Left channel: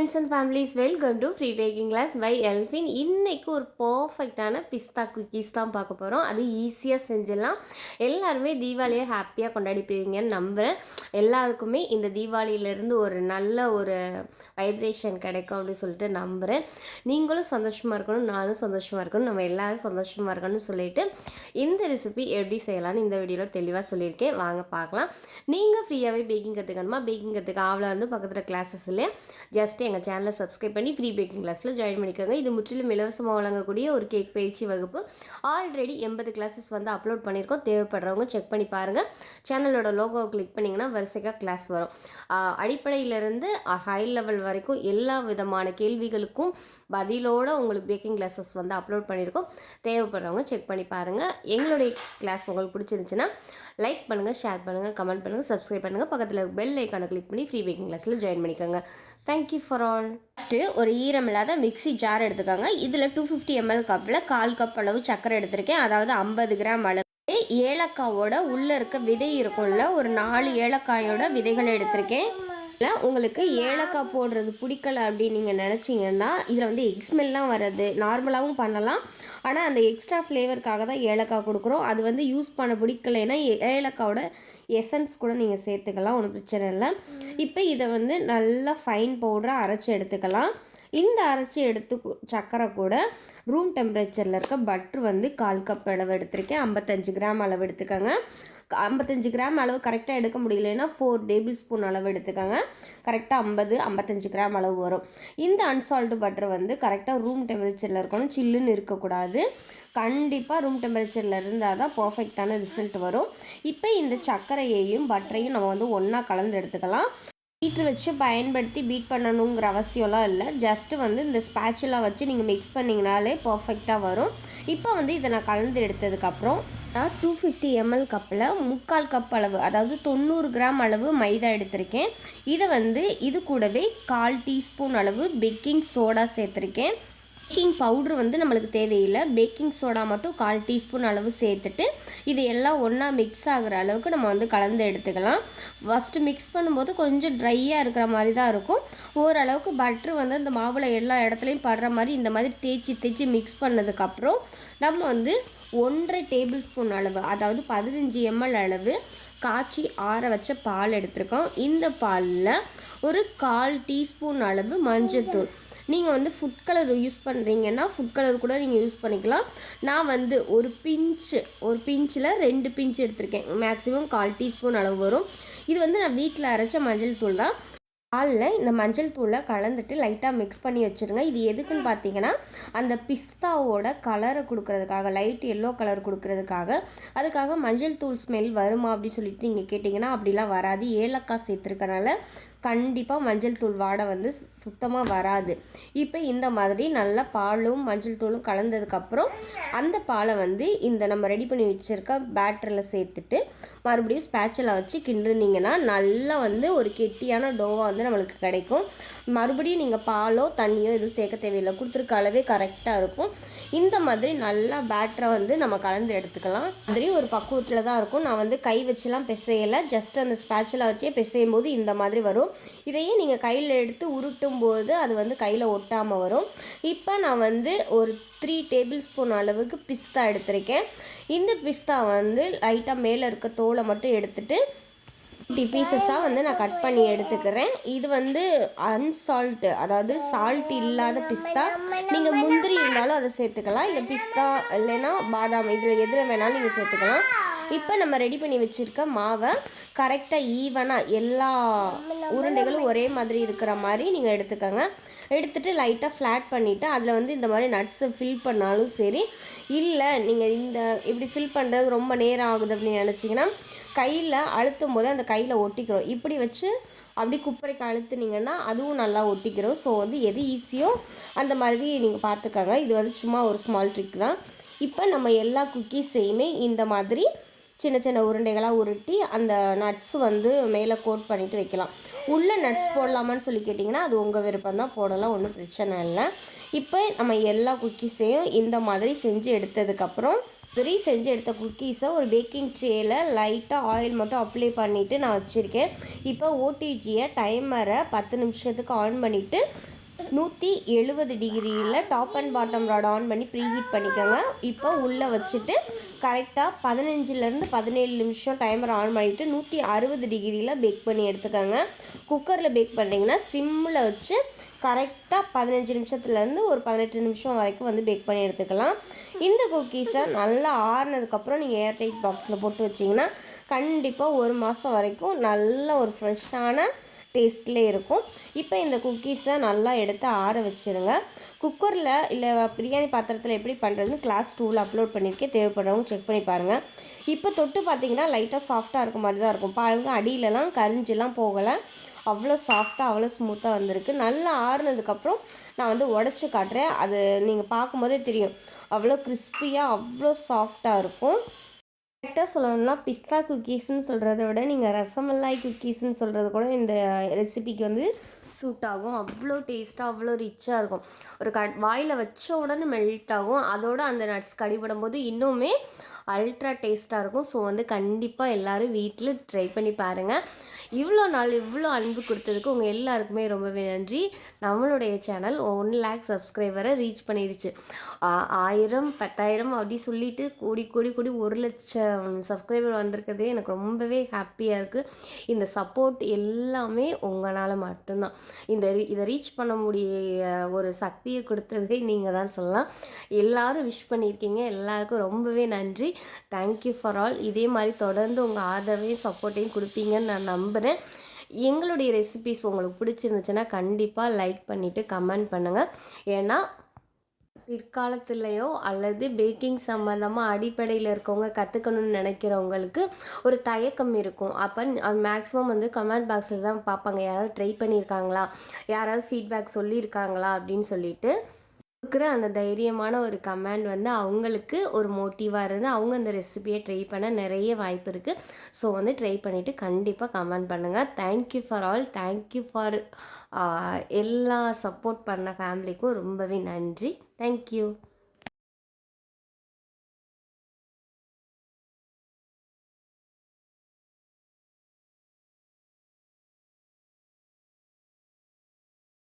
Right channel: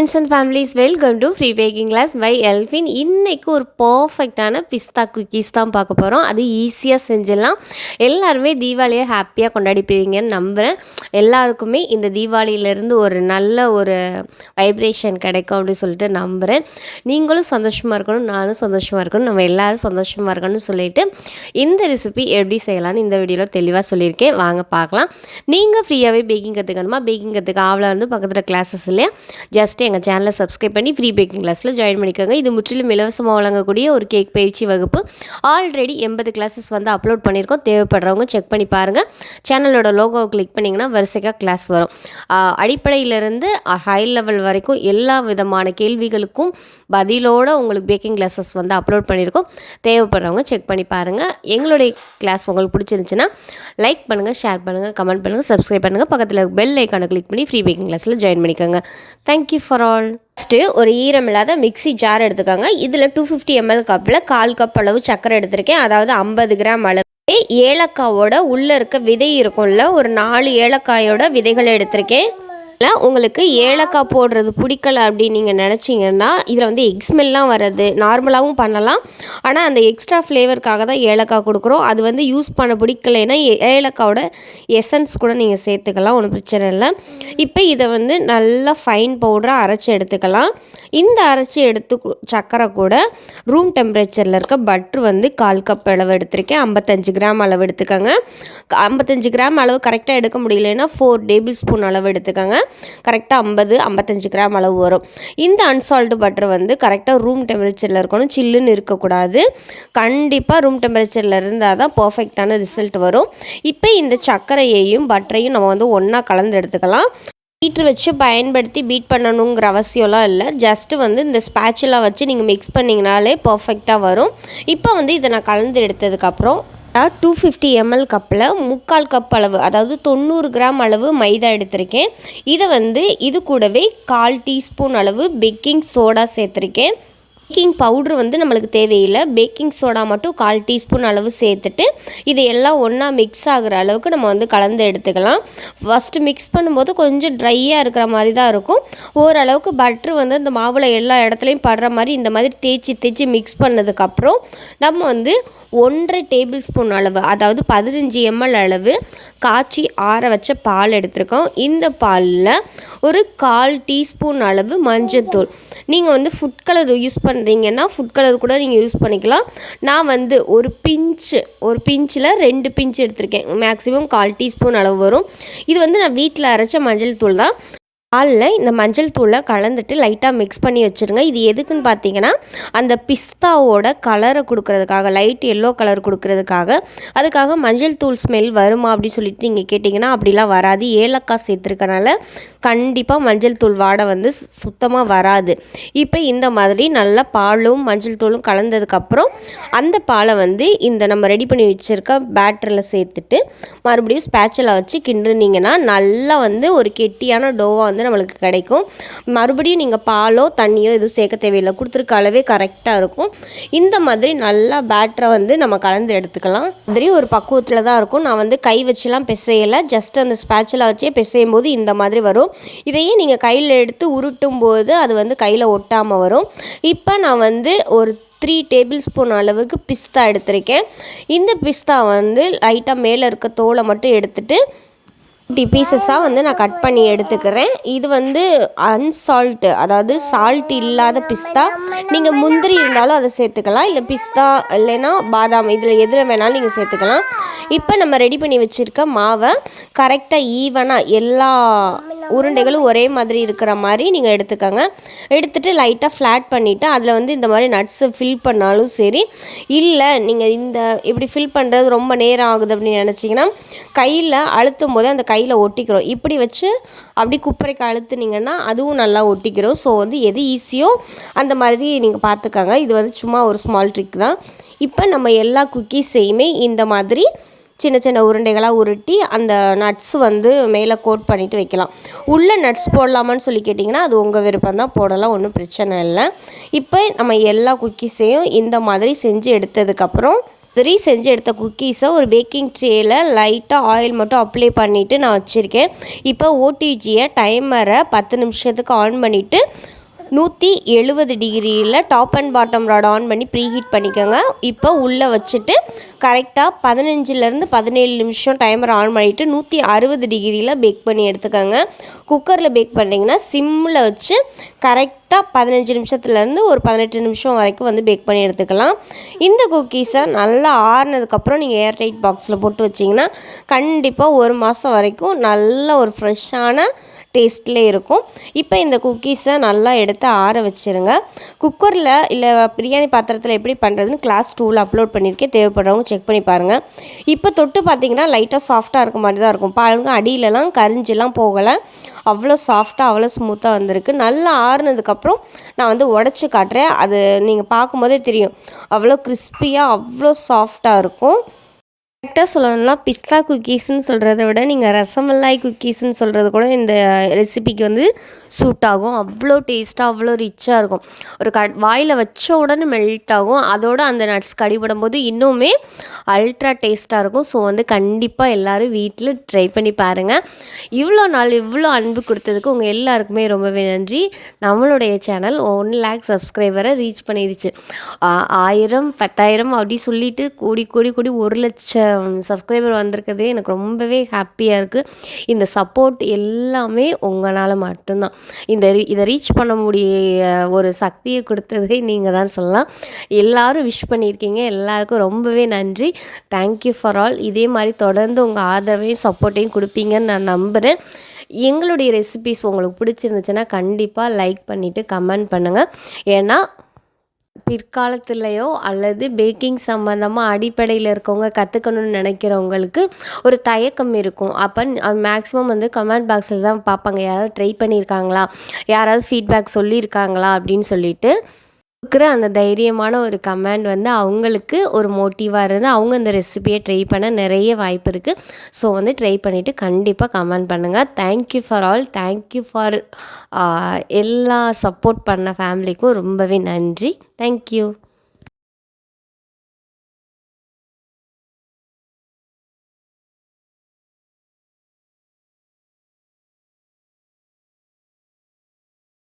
Friends and families, welcome to Free Baking Class by Elfin. இன்னைக்கு ஒரு பர்ஃபெக்டான பிஸ்தா cookies தான் பார்க்க போகிறோம். அது ஈஸியாக செஞ்சிடலாம். எல்லாருமே தீபாவளியை ஹாப்பியாக கொண்டாடிப்பீங்கன்னு நம்புகிறேன். எல்லாருக்குமே இந்த தீபாவளியிலேருந்து ஒரு நல்ல ஒரு வைப்ரேஷன் கிடைக்கும் அப்படின்னு சொல்லிட்டு நம்புகிறேன். நீங்களும் சந்தோஷமாக இருக்கணும், நானும் சந்தோஷமாக இருக்கணும், நம்ம எல்லோரும் சந்தோஷமாக இருக்கணும்னு சொல்லிட்டு இந்த ரெசிபி எப்படி செய்யலான்னு இந்த வீடியோவில் தெளிவாக சொல்லியிருக்கேன். வாங்க பார்க்கலாம். நீங்கள் ஃப்ரீயாகவே பேக்கிங் கற்றுக்கணுமா? பேக்கிங் கற்றுக்க ஆவலாக வந்து பக்கத்தில் கிளாஸஸ் இல்லையா? ஜஸ்ட் எங்கள் சேனலை சப்ஸ்கிரைப் பண்ணி ஃப்ரீ பேக்கிங் கிளாஸில் ஜாயின் பண்ணிக்கோங்க. இது முற்றிலும் இலவசமாக வழங்கக்கூடிய ஒரு கேக் பயிற்சி வகுப்பு. ஆல்ரெடி 80 கிளாஸஸ் வந்து அப்லோட் பண்ணியிருக்கோம். தேவைப்படுறவங்க செக் பண்ணி பாருங்கள். சேனலோட லோகோவை கிளிக் பண்ணிங்கன்னா வரிசையாக கிளாஸ் வரும். அடிப்படையிலிருந்து ஹை லெவல் வரைக்கும் எல்லா விதமான கேள்விகளுக்கும் பதிலோடு உங்களுக்கு பேக்கிங் கிளாஸஸ் வந்து அப்லோட் பண்ணியிருக்கோம். தேவைப்படுறவங்க செக் பண்ணி பாருங்கள். எங்களுடைய கிளாஸ் உங்களுக்கு பிடிச்சிருந்துச்சுன்னா லைக் பண்ணுங்கள், ஷேர் பண்ணுங்கள், கமெண்ட் பண்ணுங்கள், சப்ஸ்கிரைப் பண்ணுங்கள். பக்கத்தில் பெல் ஐக்கானை கிளிக் பண்ணி ஃப்ரீ பேக்கிங் கிளாஸில் ஜாயின் பண்ணிக்கோங்க. Thank you for all. ஃபஸ்ட்டு ஒரு ஈரமில்லாத மிக்ஸி ஜார் எடுத்துக்கோங்க. இதில் 250 ml கப்பில் 1/4 கப் அளவு சர்க்கரை எடுத்திருக்கேன். அதாவது 50 கிராம் அளவு ஏலக்காவோட உள்ளே இருக்க விதை இருக்கும்ல, ஒரு 4 ஏலக்காயோட விதைகளை எடுத்திருக்கேன். உங்களுக்கு ஏலக்காய் போடுறது பிடிக்கல அப்படின்னு நீங்கள் நினச்சிங்கன்னா இதில் வந்து எக் ஸ்மெல்லாம் வர்றது நார்மலாகவும் பண்ணலாம். ஆனால் அந்த எக்ஸ்ட்ரா ஃப்ளேவருக்காக தான் ஏலக்காய் கொடுக்குறோம். அது வந்து யூஸ் பண்ண பிடிக்கலைன்னா ஏலக்காயோட எசன்ஸ் கூட நீங்கள் சேர்த்துக்கலாம், ஒன்றும் பிரச்சனை இல்லை. இப்போ இதை வந்து நல்லா ஃபைன் பவுடராக அரைச்சி எடுத்துக்கலாம். இந்த அரைச்சி எடுத்து சர்க்கரை கூட ரூம் டெம்பரேச்சரில் இருக்க பட்ரு வந்து 1/4 கப் அளவு எடுத்திருக்கேன். 55 கிராம் அளவு எடுத்துக்கோங்க. 55 கிராம் அளவு கரெக்டாக எடுக்க முடியலன்னா 4 டேபிள் ஸ்பூன் அளவு எடுத்துக்கோங்க. கரெக்டாக 55 கிராம் அளவு வரும். இந்த அன்சால்ட்டு பட்டர் வந்து கரெக்டாக ரூம் டெம்பரேச்சரில் இருக்கணும், சில்லுன்னு இருக்கக்கூடாது. கண்டிப்பாக ரூம் டெம்பரேச்சரில் இருந்தால் தான் பர்ஃபெக்டான ரிசல்ட் வரும். இப்போ இந்த சர்க்கரையையும் பட்டரையும் நம்ம வந்து ஒன்றா கலந்து எடுத்துக்கலாம். பீட்ரு வச்சு பயன்படுத்தி பீட் பண்ணணுங்கிற அவசியம்லாம் இல்லை. ஜஸ்ட்டு வந்து இந்த ஸ்பேச்சுலாம் வச்சு நீங்கள் மிக்ஸ் பண்ணிங்கனாலே பர்ஃபெக்டாக வரும். இப்போ வந்து இதை நான் கலந்து எடுத்ததுக்கப்புறம் 250 ml கப்பில் 3/4 கப் அளவு, அதாவது 90 கிராம் அளவு மைதா எடுத்திருக்கேன். இதை வந்து இது கூடவே 1/4 டீஸ்பூன் அளவு பேக்கிங் சோடா சேர்த்துருக்கேன். பேக்கிங் பவுட்ரு வந்து நம்மளுக்கு தேவையில்லை, பேக்கிங் சோடா மட்டும் 1/4 டீஸ்பூன் அளவு சேர்த்துட்டு இது எல்லாம் ஒன்றா மிக்ஸ் ஆகிற அளவுக்கு நம்ம வந்து கலந்து எடுத்துக்கலாம். ஃபஸ்ட்டு மிக்ஸ் பண்ணும்போது கொஞ்சம் ட்ரையாக இருக்கிற மாதிரி தான் இருக்கும். ஓரளவுக்கு பட்ரு வந்து இந்த மாவில் எல்லா இடத்துலையும் படுற மாதிரி இந்த மாதிரி தேய்ச்சி மிக்ஸ் பண்ணதுக்கப்புறம் நம்ம வந்து 1.5 டேபிள் ஸ்பூன் அளவு, அதாவது 15 ml அளவு காய்ச்சி ஆற வச்ச பால் எடுத்திருக்கோம். இந்த பாலில் ஒரு 1/4 டீஸ்பூன் அளவு மஞ்சள்தூள், நீங்கள் வந்து ஃபுட் கலர் யூஸ் பண்ணுறீங்கன்னா ஃபுட் கலர் கூட நீங்கள் யூஸ் பண்ணிக்கலாம். நான் வந்து ஒரு பிஞ்சில் 2 பிஞ்ச் எடுத்திருக்கேன். மேக்ஸிமம் 1/4 டீஸ்பூன் அளவு வரும். இது வந்து நான் வீட்டில் அரைச்ச மஞ்சள் தூள் தான். பாலில் இந்த மஞ்சள் தூளை கலந்துட்டு லைட்டாக மிக்ஸ் பண்ணி வச்சுருங்க. இது எதுக்குன்னு பார்த்தீங்கன்னா அந்த பிஸ்தாவோட கலரை கொடுக்கறதுக்காக, லைட் எல்லோ கலர் கொடுக்கறதுக்காக. அதுக்காக மஞ்சள் தூள் ஸ்மெல் வருமா அப்படின்னு சொல்லிட்டு நீங்கள் கேட்டிங்கன்னா அப்படிலாம் வராது. ஏலக்காய் சேர்த்துருக்கனால கண்டிப்பாக மஞ்சள் தூள் வாடை வந்து சுத்தமாக வராது. இப்போ இந்த மாதிரி நல்லா பாலும் மஞ்சள் தூளும் கலந்ததுக்கப்புறம் அந்த பாலை வந்து இந்த நம்ம ரெடி பண்ணி வச்சுருக்க பேட்டரில் சேர்த்துட்டு மறுபடியும் ஸ்பேச்சலை வச்சு கிண்டுனீங்கன்னா நல்லா வந்து ஒரு கெட்டியான டோவாக வந்து நம்மளுக்கு கிடைக்கும். மறுபடியும் நீங்கள் பாலோ தண்ணியோ எதுவும் சேர்க்க தேவையில்லை, கொடுத்துருக்க அளவே கரெக்டாக இருக்கும். இந்த மாதிரி நல்லா பேட்டரை வந்து நம்ம கலந்து எடுத்துக்கலாம். மாதிரி ஒரு பக்குவத்தில் தான் இருக்கும். நான் வந்து கை வச்சுலாம் பிசையலை, ஜஸ்ட் அந்த ஸ்பேச்சலை வச்சே பிசையும் போது இந்த மாதிரி வரும். இதையே நீங்கள் கையில் எடுத்து உருட்டும் போது அது வந்து கையில் ஒட்டாமல் வரும். இப்போ நான் வந்து ஒரு 3 டேபிள் ஸ்பூன் அளவுக்கு பிஸ்தா எடுத்திருக்கேன். இந்த பிஸ்தா வந்து லைட்டாக மேலே இருக்க தோலை மட்டும் எடுத்துகிட்டு பீசஸாக வந்து நான் கட் பண்ணி எடுத்துக்கிறேன். இது வந்து அன்சால்ட்டு, அதாவது சால்ட் இல்லாத பிஸ்தா. நீங்கள் முந்திரி இருந்தாலும் அதை சேர்த்துக்கலாம், இல்லை பிஸ்தா இல்லைன்னா பாதாம், இதில் எதில் வேணாலும் நீங்கள் சேர்த்துக்கலாம். இப்போ நம்ம ரெடி பண்ணி வச்சுருக்க மாவை கரெக்டாக ஈவனாக எல்லா உருண்டைகளும் ஒரே மாதிரி இருக்கிற மாதிரி நீங்கள் எடுத்துக்கோங்க. எடுத்துகிட்டு லைட்டாக ஃப்ளாட் பண்ணிவிட்டு அதில் வந்து இந்த மாதிரி நட்ஸை ஃபில் பண்ணாலும் சரி, இல்லை நீங்கள் இப்படி ஃபில் பண்ணுறது ரொம்ப நேரம் ஆகுது அப்படின்னு நினச்சிங்கன்னா கையில் அழுத்தும் போது அந்த கையில் ஒட்டிக்கிறோம். இப்படி வச்சு அப்படி குப்பரைக்கு அழுத்துனீங்கன்னா அதுவும் நல்லா ஒட்டிக்கிறோம். ஸோ வந்து எது ஈஸியோ அந்த மாதிரி நீங்கள் பார்த்துக்கோங்க. இது வந்து சும்மா ஒரு ஸ்மால் ட்ரிக் தான். இப்போ நம்ம எல்லா குக்கீஸையுமே இந்த மாதிரி சின்ன சின்ன உருண்டைகளாக உருட்டி அந்த நட்ஸ் வந்து மேலே கோட் பண்ணிவிட்டு வைக்கலாம். உள்ளே நட்ஸ் போடலாமான்னு சொல்லி கேட்டிங்கன்னா அது உங்கள் விருப்பம் தான், போடலாம், ஒன்றும் பிரச்சனை இல்லை. இப்போ நம்ம எல்லா குக்கீஸையும் இந்த மாதிரி செஞ்சு எடுத்ததுக்கப்புறம் மாதிரி செஞ்சு எடுத்த குக்கீஸை ஒரு பேக்கிங் ட்ரேயில் லைட்டாக ஆயில் மட்டும் அப்ளை பண்ணிவிட்டு நான் வச்சுருக்கேன். இப்போ ஓடிஜியை டைமரை 10 நிமிஷத்துக்கு ஆன் பண்ணிவிட்டு 170 டிகிரியில் top and bottom rod on பண்ணி ப்ரீஹீட் பண்ணிக்கோங்க. இப்போ உள்ளே வச்சுட்டு கரெக்டாக 15லேருந்து 17 நிமிஷம் டைமர் ஆன் பண்ணிவிட்டு 160 டிகிரியில் பேக் பண்ணி எடுத்துக்கோங்க. குக்கரில் பேக் பண்ணிங்கன்னா சிம்மில் வச்சு கரெக்டாக 15 நிமிஷத்துலேருந்து ஒரு 18 நிமிஷம் வரைக்கும் வந்து பேக் பண்ணி எடுத்துக்கலாம். இந்த குக்கீஸை நல்லா ஆறுனதுக்கப்புறம் நீங்கள் ஏர்டைட் பாக்ஸில் போட்டு வச்சிங்கன்னா கண்டிப்பாக 1 மாதம் வரைக்கும் நல்ல ஒரு ஃப்ரெஷ்ஷான டேஸ்ட்லேயே இருக்கும். இப்போ இந்த குக்கீஸை நல்லா எடுத்து ஆற வச்சுருங்க. குக்கரில் இல்லை பிரியாணி பாத்திரத்தில் எப்படி பண்ணுறதுன்னு கிளாஸ் 2ல் அப்லோட் பண்ணியிருக்கேன், தேவைப்படுறவங்க செக் பண்ணி பாருங்கள். இப்போ தொட்டு பார்த்தீங்கன்னா லைட்டாக சாஃப்டாக இருக்க மாதிரி தான் இருக்கும். பாருங்க, அடியிலலாம் கரிஞ்செல்லாம் போகலை, அவ்வளோ சாஃப்டாக அவ்வளோ ஸ்மூத்தாக வந்திருக்கு. நல்லா ஆறுனதுக்கப்புறம் நான் வந்து உடச்சி காட்டுறேன். அது நீங்கள் பார்க்கும்போதே தெரியும், அவ்வளோ கிறிஸ்பியாக அவ்வளோ சாஃப்டாக இருக்கும். கரெக்டாக சொல்லணும்னா பிஸ்தா குக்கீஸ்ன்னு சொல்கிறத விட நீங்கள் ரசமலாய் குக்கீஸ்ன்னு சொல்கிறது கூட இந்த ரெசிபிக்கு வந்து சூட் ஆகும். அவ்வளோ டேஸ்ட்டாக அவ்வளோ ரிச்சாக இருக்கும். ஒரு வாயில் வச்ச உடனே மெல்ட் ஆகும். அதோடு அந்த நட்ஸ் கடிபடும் போது இன்னுமே அல்ட்ரா டேஸ்ட்டாக இருக்கும். ஸோ வந்து கண்டிப்பாக எல்லோரும் வீட்டில் ட்ரை பண்ணி பாருங்கள். இவ்வளோ நாள் இவ்வளோ அன்பு கொடுத்ததுக்கு உங்கள் எல்லாருக்குமே ரொம்பவே நன்றி. நம்மளுடைய சேனல் 1 லேக் சப்ஸ்கிரைபரை ரீச் பண்ணிடுச்சு. 1000 10,000 அப்படி சொல்லிட்டு கூடி கூடி கூடி 1 லட்சம் சப்ஸ்கிரைபர் வந்திருக்கிறதே எனக்கு ரொம்பவே ஹாப்பியாக இருக்குது. இந்த சப்போர்ட் எல்லாமே உங்களால் மட்டும்தான். இதை ரீச் பண்ண முடிய ஒரு சக்தியை கொடுத்ததே நீங்கள் தான் சொல்லலாம். எல்லோரும் விஷ் பண்ணியிருக்கீங்க, எல்லாருக்கும் ரொம்பவே நன்றி. Thank you for all. இதே மாதிரி தொடர்ந்து உங்கள் ஆதரவையும் சப்போர்ட்டையும் கொடுப்பீங்கன்னு நான் நம்புகிறேன். எங்களுடைய ரெசிபிஸ் உங்களுக்கு பிடிச்சிருந்துச்சுன்னா கண்டிப்பாக லைக் பண்ணிவிட்டு கமெண்ட் பண்ணுங்கள். ஏன்னா பிற்காலத்துலேயோ அல்லது பேக்கிங் சம்மந்தமாக அடிப்படையில் இருக்கவங்க கற்றுக்கணும்னு நினைக்கிறவங்களுக்கு ஒரு தயக்கம் இருக்கும். அப்போ மேக்ஸிமம் வந்து கமெண்ட் பாக்ஸில் தான் பார்ப்பாங்க, யாராவது ட்ரை பண்ணியிருக்காங்களா, யாராவது ஃபீட்பேக் சொல்லியிருக்காங்களா அப்படின்னு சொல்லிட்டு. இருக்கிற அந்த தைரியமான ஒரு கமெண்ட் வந்து அவங்களுக்கு ஒரு மோட்டிவாக இருந்து அவங்க இந்த ரெசிபியை ட்ரை பண்ண நிறைய வாய்ப்பு இருக்குது. ஸோ வந்து ட்ரை பண்ணிவிட்டு கண்டிப்பாக கமெண்ட் பண்ணுங்கள். Thank you for all. Thank you for எல்லா சப்போர்ட் பண்ண ஃபேமிலிக்கும் ரொம்பவே நன்றி. தேங்க்யூ.